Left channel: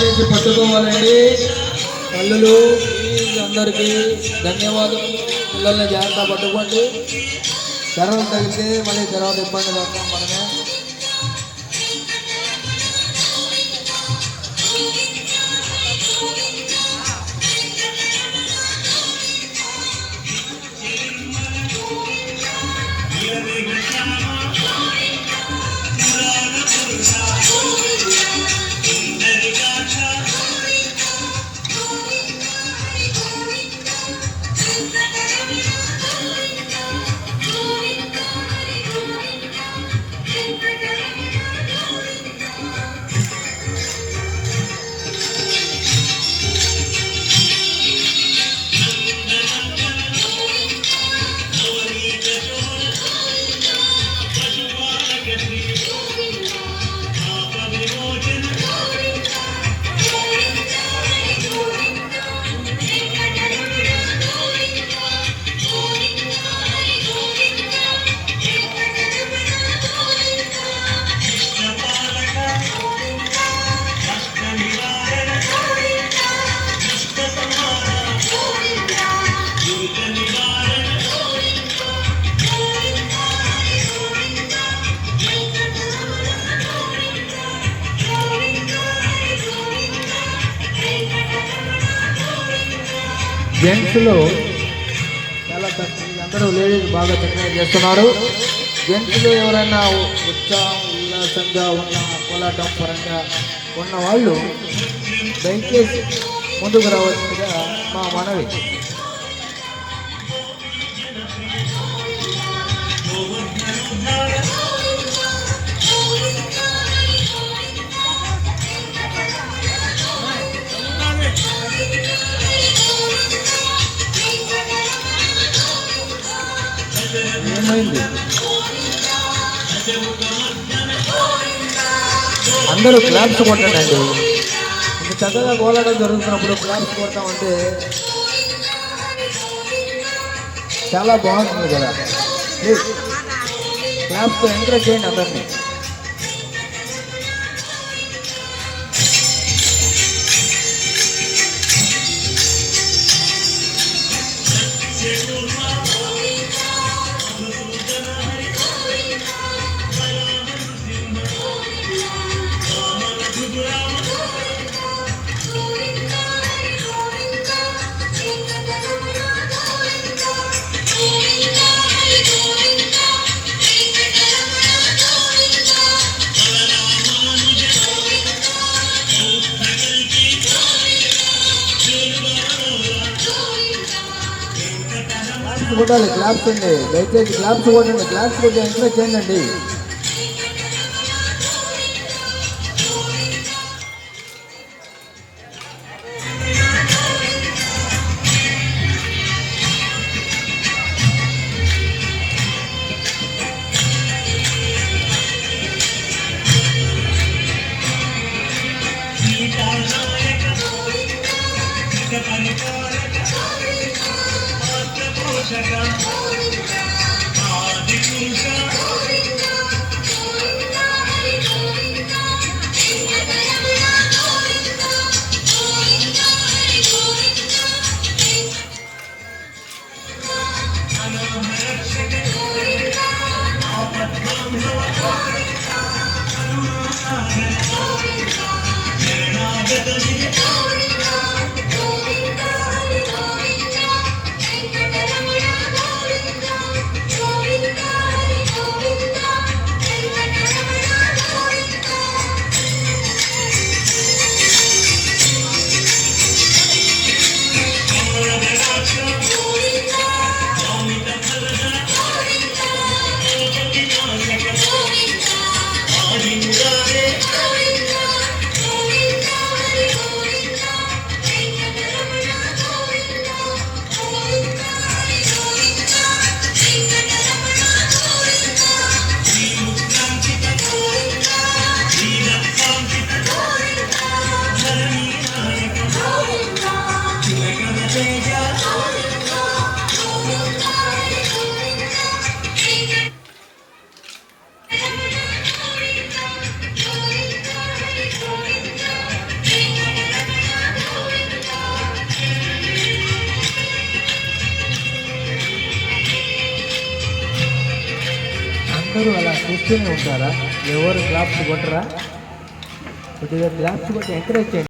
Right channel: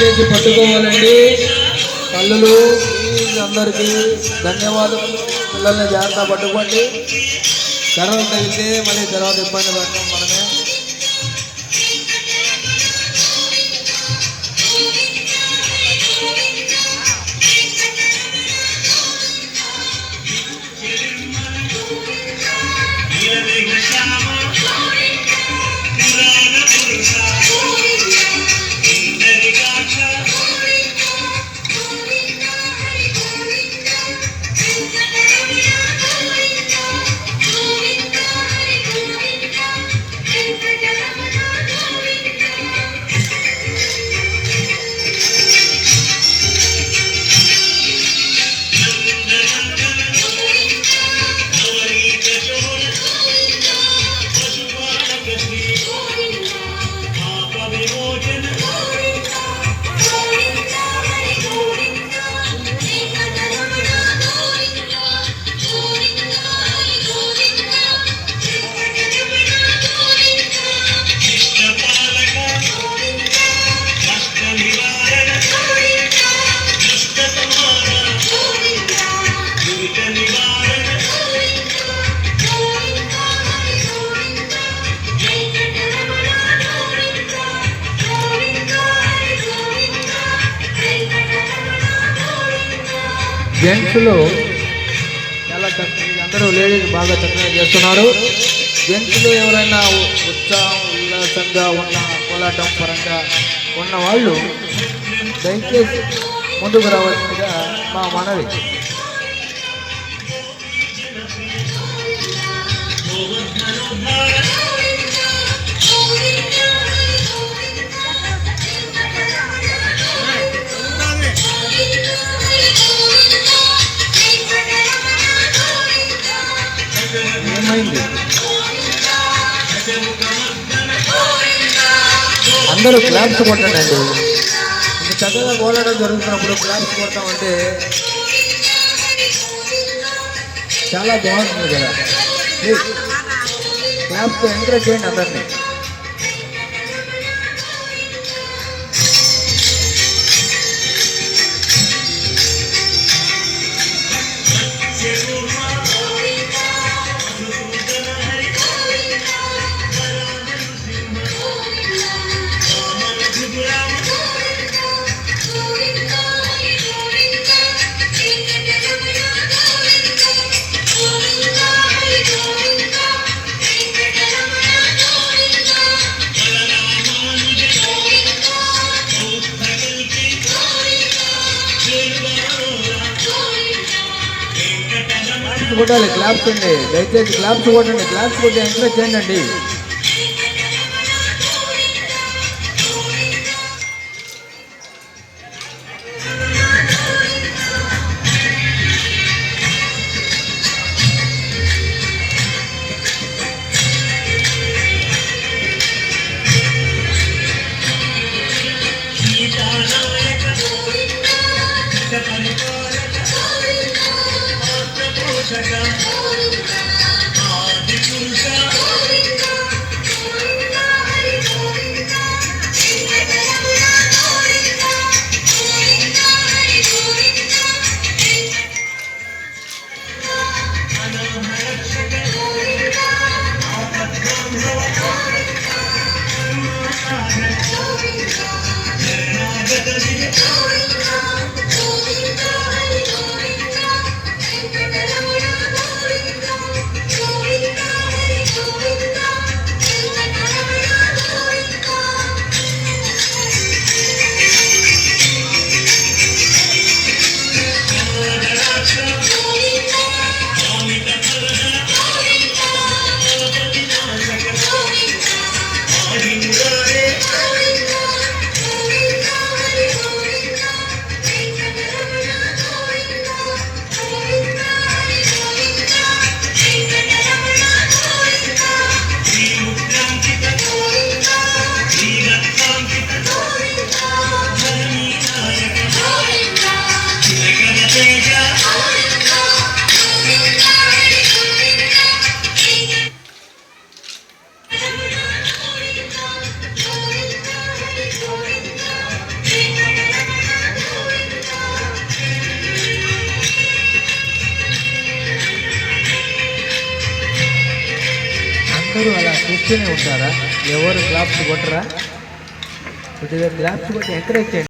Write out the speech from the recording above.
దయచేసి పట్టుకోవాలండి తల్లులు. అందరికీ ధన్యవాదాలు. పిల్లల్ని జాగ్రత్త పట్టుకోండి. తర్వాత తగిలితే మళ్ళీ తర్వాత ఇబ్బంది పడతాం మనమే. జెంట్స్లో చాలా చక్కగా అందరూ లేడీస్ బాగా చక్కగా చేస్తున్నారు. జెంట్స్లో ఎవరైనా ఉత్సాహం ఉల్లాసంగా ఉన్న కోలాటం పరంగా ఉన్న వాళ్ళు దయచేసి ముందుకు రావాల్సిందిగా మా మనవి. ఏమైంది? అందరూ క్లాప్స్ కొట్టండి. ఇంత చక్కగా కోలాటం జరుగుతున్నప్పుడు క్లాప్స్ కొడతామంటే చాలా బాగుంటుంది కదా. క్లాప్స్తో ఎంకరేజ్ చేయండి అందరినీ. కొట్టాలి, క్లాప్స్ అండి. దయచేసి క్లాప్స్ కొట్టండి. క్లాప్స్ కొట్టి ఎంకరేజ్ చేయండి. అందరూ అలా చూస్తూనే ఉంటారా? ఎవరు క్లాప్స్ కొట్టరా? కొద్దిగా క్లాప్స్ కొట్టి ఎంకరేజ్ చేయండి.